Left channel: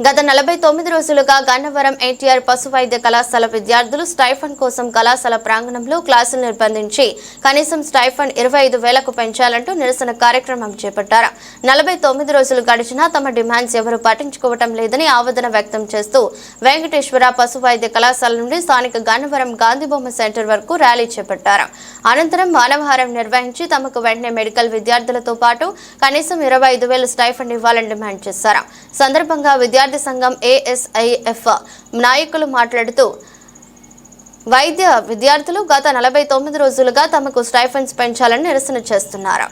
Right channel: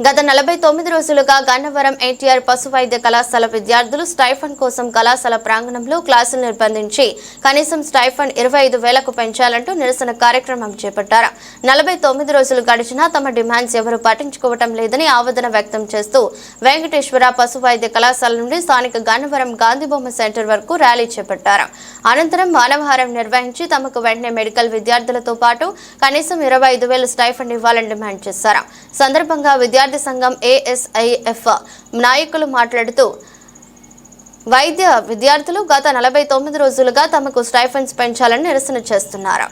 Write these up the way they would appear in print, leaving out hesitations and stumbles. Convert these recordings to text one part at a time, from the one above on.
గత 49 రోజులుగా గన్నవరం ఎన్టీఆర్ పశు వైద్య కళాశాల విద్యార్థులు స్టైఫండ్ కోసం కళాశాల ప్రాంగణంలో క్లాసులు నిర్బంధించి కనీసం స్టైఫండ్ 25,000కు పెంచాలంటూ నిరసన కార్యక్రమం చేపట్టారు. 49 రోజులు గడిచినా తమ డిమాండ్స్ ఎవరూ పట్టించుకోవటం లేదని ఆవేదన వ్యక్తం చేస్తూ వెంకటేశ్వర పశు వైద్య కళాశాల నుండి స్థానిక గన్నవరం గాంధీబొమ్మ సెంటర్ వరకు ర్యాలీ చేపట్టారు. అనంతరం మానవహారం నిర్వహించి తమకు వెంటనే మెడికల్ విద్యార్థులతో పాటు కనీసం 25,000 స్టైఫండ్ ఇవ్వాలని డిమాండ్ చేశారు. సందర్భంగా విద్యార్థి సంఘం ASIF నాయకులు మాట్లాడుతూ వైద్య విద్యార్థులు గత 49 రోజులుగా తమకు స్టైఫండ్స్ పెంచాలని నిరసన చేస్తున్నారు.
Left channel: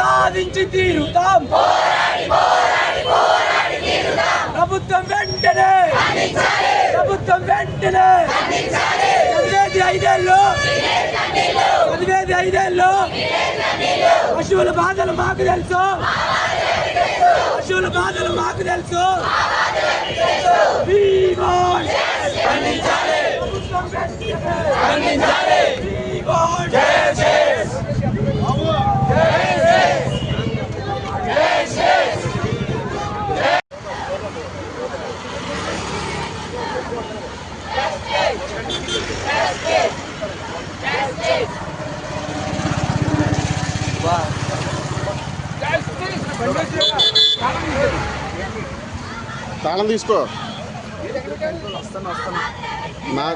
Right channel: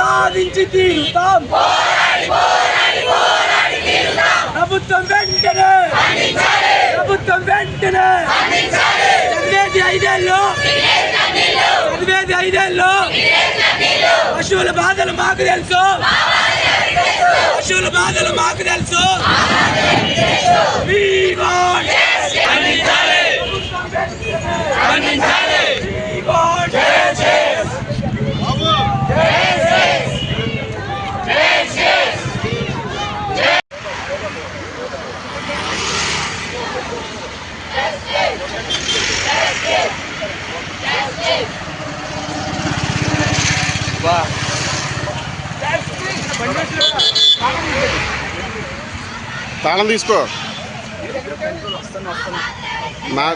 సాధించి తీరుతాం. ప్రభుత్వం వెంటనే చదివేది ఐదేళ్ళు పశువుల బాధలు మాకు తెలుసు. తాళం తీసుకో. నా